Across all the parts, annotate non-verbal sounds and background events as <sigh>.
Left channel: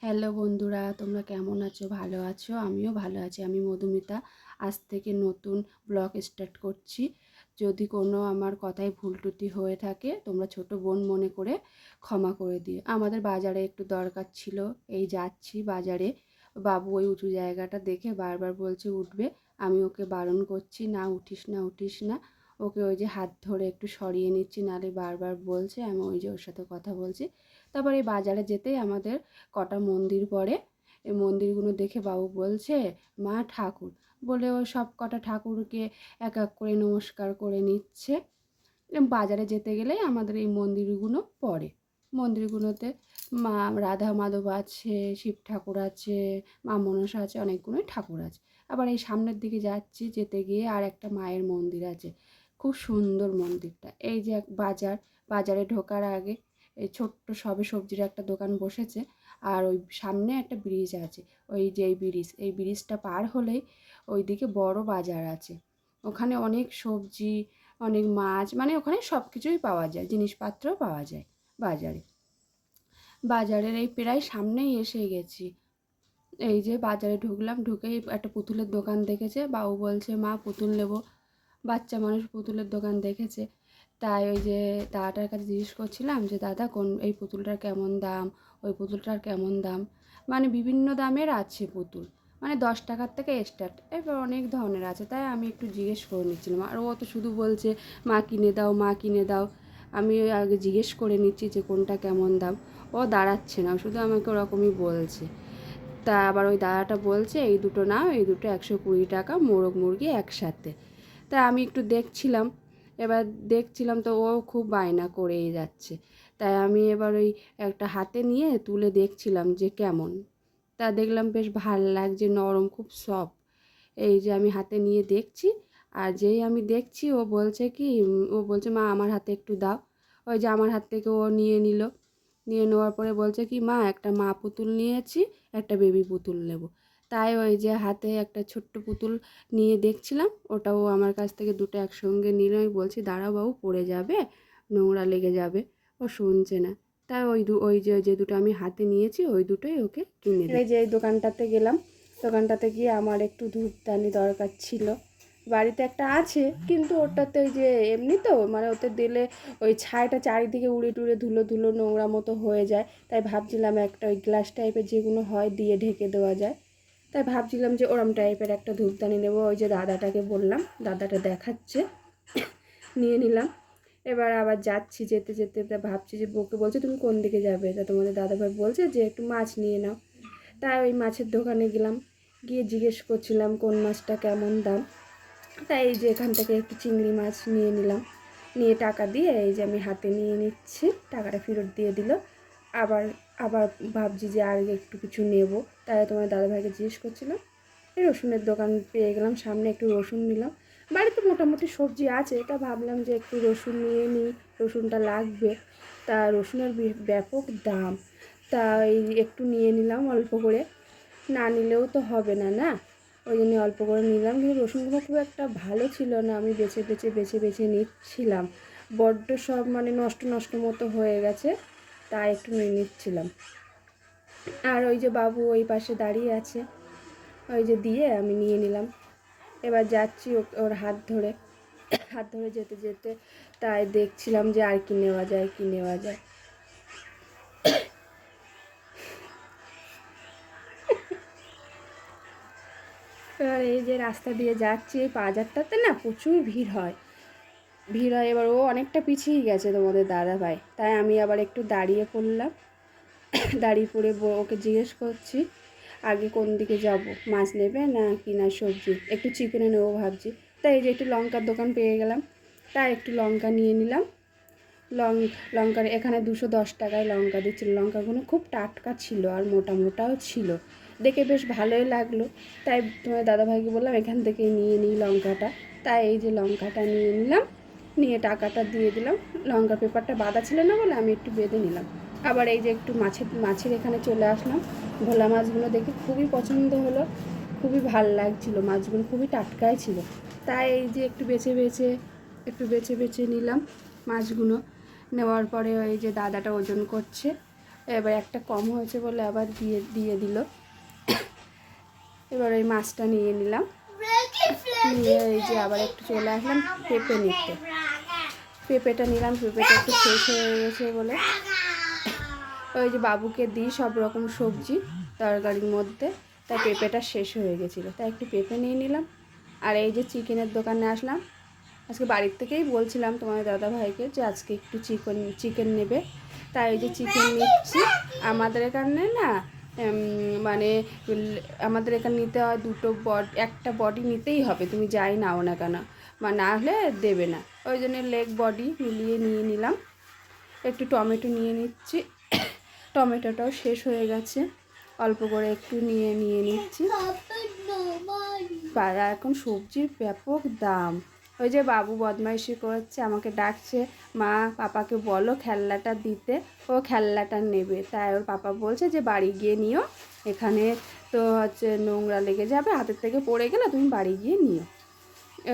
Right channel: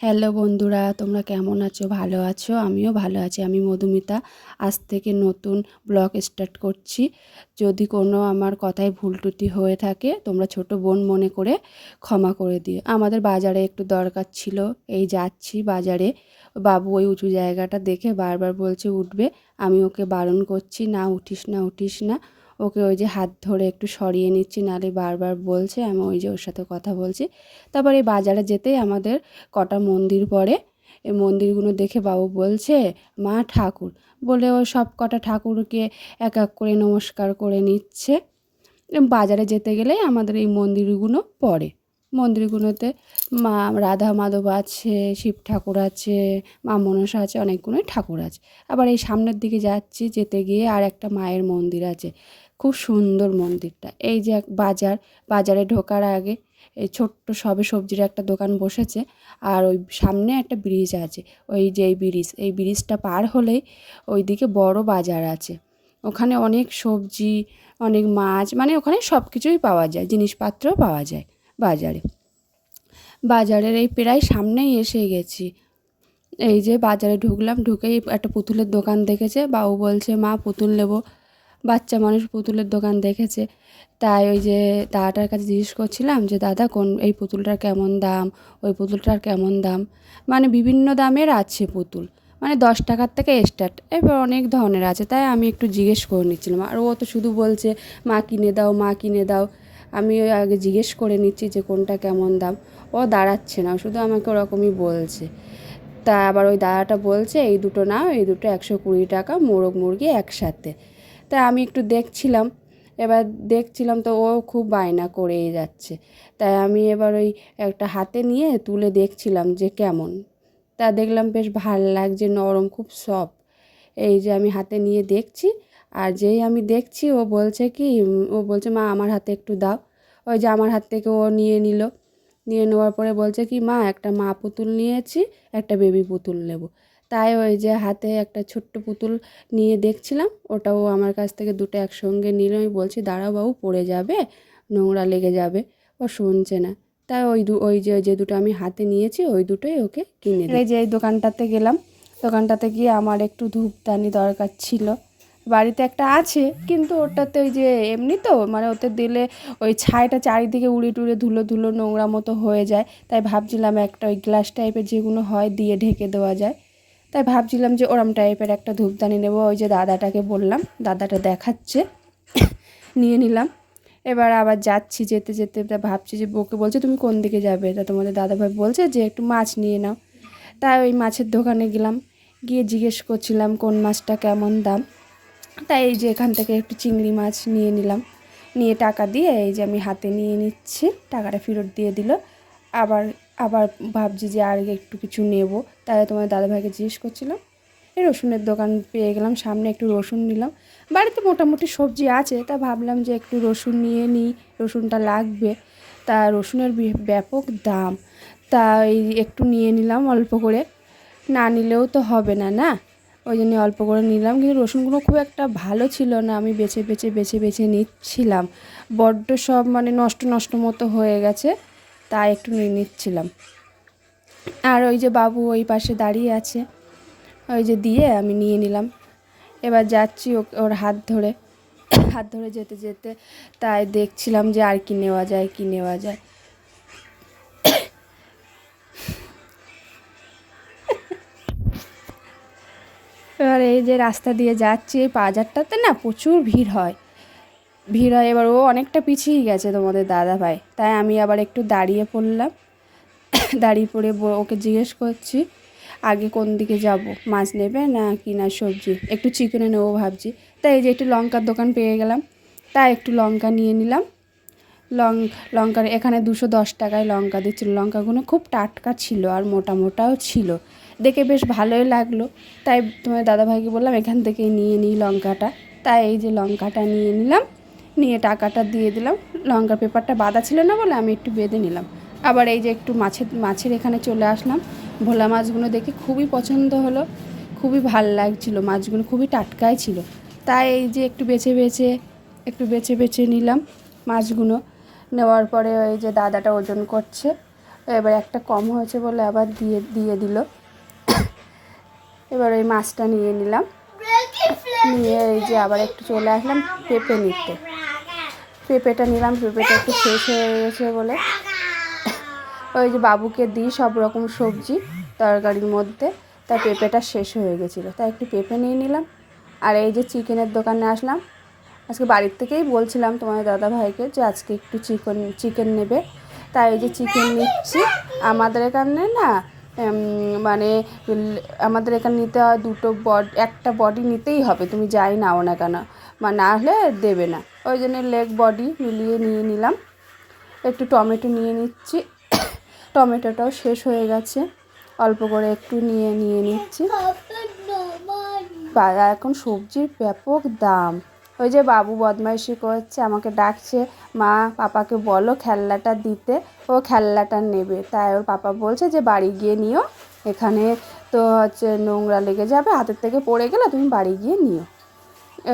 Hello বন্ধুরা, তোমরা কেমন আছো? ভালো আছো? আমিও ভালো আছি। আমি মধুমিতা। আজ থেকে নতুন ব্লগ স্টার্ট করছি। যদি কোনো আমার কথায় ভুল ত্রুটি হয়ে থাকে, তোমরা ছোট বোন মনে করে ক্ষমা করে দিও। আমাদের বাজারে একটু দরকার ছিল। এই যাচ্ছি বাজারে। বাবু ওই উঁচু জায়গাটা দেখে বারবার বলছে, উঠবে? আমি ওকে বারণ করছি, না, উঠিস না উঠিস না। ওকে ওই যে হাত ধরে একটু সরিয়ে নিচ্ছি নালে বারবার বলছে, আমি ওই যে ওর সাথে কথা বলছি। তারপর এই বাজারে যেতেই আমাদের কটা মন্দির পড়ে, এই মন্দিরগুলো দেখে বাবু বলছে, মা ঠাকুর। বলে ও সব কটা ঠাকুরকে এক এক করে নমস্কার করে নিচ্ছে। বাজারে যেতে গেলেই আমাদের এই মন্দিরগুলো পড়ে। মন্দিরগুলোতে মা, রাধা মাধব আছে, শিব ঠাকুর আছে, মা মনসা আছে, অনেকগুলোই ঠাকুর আছে। আবার এই সামনের দিকে যাচ্ছি, যেতে গিয়ে আর একটা মায়ের মন্দির আছে। খুব সুন্দর মন্দিরটা। এই যে এক বাজার, বাজারে ঢোকার আগে এই ছোট্ট সবে সবজির একটা দোকান বসেছে আর ওই সামনে একটা ব্রিজ আছে। ওই যে এই ব্রিজ এই ব্রিজটা পার হলেই ওইদিকে বড় বাজার আছে। ওখানে অনেক সবজি, অনেক মাছ মানে ওখানে সব কিছুই পাওয়া যায় জিনিসপত্র পাওয়া যায় বাজারে। বাজারের এই প্রায় সামনেই এসে গেছি। এই যে বাজারে ঢুকলাম, ঢুকেই একটা পুতুলের দোকান দেখেছে, বাবু বলছে, মা, পুতুল নেব। বাচ্চা মানুষ পুতুলের দোকান দেখেছে। তাই ওই যে দাদাটার কাছে জিজ্ঞেস করছিলাম যে, দাদা, কোন, এই পুতুলটার কেমন দাম? ওই পুতুলটার কেমন দাম? মানে বিভিন্ন দামের আছে পুতুল। মানে দশ টাকার থেকে স্টার্ট এবার অনেক ধরনের আছে। তাই আমি একটু জিজ্ঞেস করে নিচ্ছিলাম। আর ও তো শুধু বলছে, মা কিনে দাও, মা কিনে দাও। আমি ওই আগে জিজ্ঞেস করে নিচ্ছি যে, কোনটা কেমন দাম? ও দাঁড়াচ্ছে না। শুধু আমাকে ওরকমই বলছে। তা আবার ওই দাদাটা বলছে, এই দুটো নাও, এই দুটো একশো কুড়ি টাকা, মোরগ মুরগি একসাথে। তা আমি একটু দেখছিলাম। এবার দেখছিলাম তো ও খুব বায়না করেই যাচ্ছে। তাই আমি এবার ওই একটা হাতে নিয়ে তুলে দেখছিলাম যে কেমন। তা দেখলাম বেশ ভালো লাগছে, নরম, খুব সফট। এই যে আমি হাতে নিয়ে দেখছি, আর যেই আমি দেখছি ও বলছে কি, ও বলছে, মা, আমার হাতে একটু দাও। ওই যে আমার হাত থেকে ও নিয়ে নিল। নিয়ে নেওয়ার পরে বলছে কি, মা, একটা মা পুতুল নিয়েছি, একটা বেবি পুতুল নেব। তাই ওই যে হাতে একটা ছোট্ট পুতুল নিয়ে দেখছিলাম ওটাও আমার কাছ থেকে দুটো একসঙ্গে নিল। আমি বলছি দাঁড়াও বাবু পড়ে যাবে নোংরা লেগে যাবে ও শুনছে না। তাই ওই দু ওই যে যে দুটো আমি হাতে নিয়েছি ওই দুটোই ওকে কিনে এই যে এই দোকানটাতে গেলাম। দোকানটাতে গিয়ে আমার একটু ধূপদানি দরকার ছিল। বাড়িতে একটা আছে কিন্তু ওটাতে ওই যে এমনি তো মানে ওতে দিলে ওই ছাইটা চারিদিকে উড়ে টুড়ে ধুলো ধুলো নোংরা মতো হয়ে যায়। তাই ভাবছিলাম একটা ওই গ্লাস টাইপের যেগুলো হয় দিয়ে ঢেকে দেওয়া যায়। তাই ভাবছিলাম যে ওরম টাইপের একটা ধূপদানি নেব, ওই যে দাদাটাকে বললাম, দাদাটা দেখাচ্ছে, নিয়ে নিলাম। এবার আবার যাচ্ছি, যেতে যেতে তা ভাবছি যে বউকে বলছে, তুমি কোন দিকে যাবে? তা তোমাদের দাদাভাই বলছে যে, একটু মাছ নিয়ে নাও। তাই ওই মাছের দোকানে গেলাম, গিয়ে জিজ্ঞেস করছিলাম, কোন মাছটা কেমন দাম? তাই এই যে এখান থেকে একটু চিংড়ি মাছ নিয়ে নিলাম। নিয়ে টাকা দিয়ে এই যে আমি হাতে নিয়ে নিচ্ছি, টাকাটা ফেরত দিয়ে দিল। আবার আবার ভাবছি যে আর একটু কিছু নেব। তাই তোমার দাদাভাইকে জিজ্ঞেস করছিলাম। এই রসুনের দোকান পেয়ে গেলাম, সামনে একটু রসুন নিলাম। বাড়িতে মোটামুটি সবজি আছে, তা ভাবলাম যে একটু রসুন নিয়ে নিই, রসুনটা লাগবে। তা রসুনের ব্যাপক দাম। তা এই একটু নিয়ে নিলাম অল্প করে। না নিলেও তো হবে না না? ওই জন্য অল্প করে নিলাম, কিন্তু রসুনগুলো খুব একটা ভালো ছিল না। আমি বেছে বেছে বেছে বেছে নিচ্ছিলাম। বড্ড সব মানে নষ্ট নষ্ট মতো হয়ে গেছে। তাই একটু নিয়ে নিচ্ছিলাম। আর ওই যে বাবু ওই পাশে দাঁড়িয়ে আছে, ওই যে দিয়ে আমি নিয়ে নিলাম। এবার যাচ্ছি ওর হাত ধরে হাত ধরে যেতে যেতে তাই দেখছিলাম যে আর কি নেওয়া যায়, কি নেওয়া যায়। এবার এই যে রাস্তা দিয়ে যাচ্ছি, এই বাজারটাতে না প্রচুর ভিড় হয়। ভিড় হয়। এবার ও অনেকটা পিছিয়ে গেছে তোমাদের দাদা ভাই। তাই আমি আবার একটু দাঁড়িয়ে পড়লাম। <coughs> দাঁড়িয়ে পড়ে ওকে জিজ্ঞেস করছি, আগে কোন দিকে যাব? মাছ নেবে না কি না সবজি? একটু চিকেনে নেব ভাবছি। তাই এই যে একটু লঙ্কার দোকান পেয়ে গেলাম। তাই একটু লঙ্কা নিয়ে নিলাম। লং, লঙ্কার এখানে দুশো দশ টাকায় লঙ্কা দিচ্ছিল। লঙ্কাগুলো খুব টাটকা ছিল আর মোটা মোটাও ছিল। দেখে বেশ ভালোই লাগল। তাই তোমার দাদাভাইকে বললাম, এখান থেকে নিয়ে নিই লঙ্কাটা। তাই এই যে লঙ্কাটা নিয়ে নিলাম। নিয়ে টাকাটা দিয়ে দিলাম। লঙ্কার পেপারটা বাঁধা ছিল না বলে আমি একটু বেঁধে নিলাম। আবার এই যে একটু মাছের মাছের এখানে চলে আসলাম। ভোলা মাছগুলো দেখে খুবই পছন্দ হলো, খুবই ভালো লাগছিল মাছগুলো, খুবই টাটকাই ছিল। তাই এই যে একটু বেছে বেছে, একটু বেছে বেছে নিলাম মাছগুলো। নেওয়ার পরে ওই যে দাদাটা ওজন করছে, এবার একটা কম হয়েছে বলে আবার দিয়ে দিয়ে দিল। এবার ওই মাছটা নিয়ে নিলাম। নিয়ে এই যে আবার একটু চলে আসলাম পেঁপে নিতে। পেঁপেটা নিলাম, পেঁপেটা একটু শেষ হয়ে গেছে বলে। ওই যে বাবুকে দিই সব রকম সবজি তরকারির মধ্যে, তাই পেঁপেটা শেষ হয়ে গেছিল। তাই একটু পেঁপে নিয়ে নিলাম। আর এই যে চিকেনের দোকানে আসলাম। আজকে বাড়ির থেকেই বলছিলাম তোমার দাদা ভাইকে যে আজকে একটু চিকেন চিকেন নেবে। তাই এই যে চিকেন নিচ্ছি। আমাদের এখানে না মানে আমাদের এখানে নিতে হয় দুটো বডি একটা বডি নিতেই হবে তুমি যাই নাও না কেন? বা না হলে দেবে না। ওই জন্য লেগ বডি মিলিয়ে নিয়ে নিলাম। একটু টমেটো নিয়ে নিচ্ছি। টমেটোটাও শেষ হয়ে গেছে। অল্প করে একটু নিয়ে নিয়ে নিচ্ছি। এখন সবজির ব্যাপক দাম। ওই যে বাবু বদমাইশি করছে, আমাকে ডাকছে, মা, পাপাকে বলো খেলনাটা দিতে, ও খেলনাটা নেবে। তাই ওর পাপা বলছে যে, বাড়ি গিয়ে নিও, এখানে তো হচ্ছে নোংরা লেগে যাবে, হাতের থেকে পড়ে গেলে তুমি বাড়ি গিয়ে নিও।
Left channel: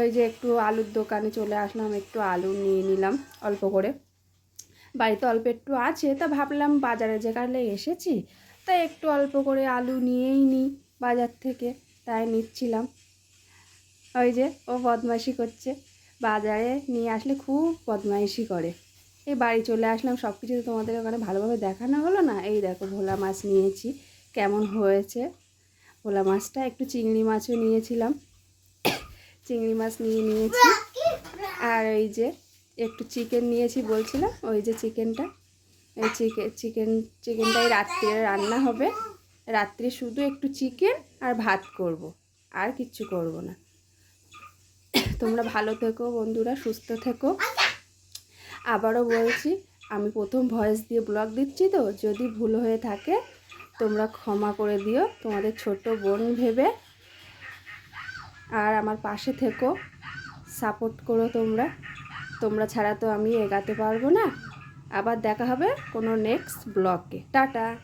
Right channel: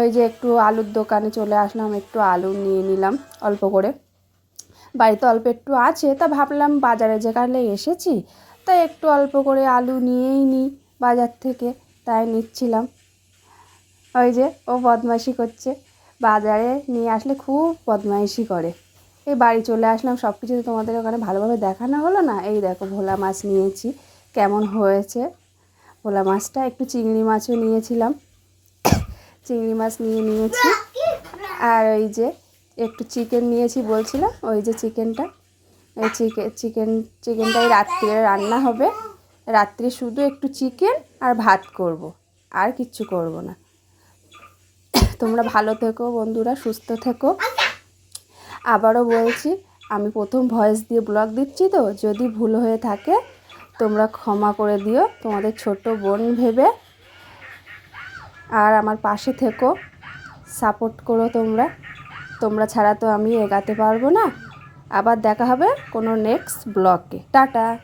ওই যে একটু আলুর দোকানে চলে আসলাম, একটু আলু নিয়ে নিলাম অল্প করে। বাড়িতে অল্প একটু আছে, তা ভাবলাম বাজারে যে যেখানে এসেছি, তাই একটু অল্প করে আলু নিয়েই নিই বাজার থেকে, তাই নিচ্ছিলাম। ওই যে ও বদমাইশি করছে। বাজারে নিয়ে আসলে খুব বদমাইশি করে। এই বাড়ি চলে আসলাম সব কিছু তোমাদের ওখানে ভালোভাবে দেখানো হলো না? এই দেখো ভোলা মাছ নিয়েছি, কেমন হয়েছে? ভোলা মাছটা একটু চিংড়ি মাছও নিয়েছিলাম। চিংড়ি মাছ নিয়ে নিয়েছি। আর ওই যে একটু চিকেন নিয়েছি বলছিলাম, ওই যে চিকেনটা। এই চিকেন চিকেন চিকেনটা এই রাত্রে রান্না হবে। রাত্রে শুধু একটু চিকেন আর ভাত করব। আর কিচ্ছু করব না। তোমরা ভালো থেকো বন্ধুরা, সুস্থ থেকো। আবারও বলছি, আমি প্রথম ভয়েস দিয়ে ব্লগ দিচ্ছি তো, যদি ভুল হয়ে থাকে তোমরা ক্ষমা করে দিও, তোমাদের ছোট বোন ভেবে। আর আমার পাশে থেকো সাপোর্ট করো তোমরা। তোমরা ছাড়া তো আমি এগাতে পারব না। আবার দেখা হবে কোনো নেক্সট ব্লগে টাটা।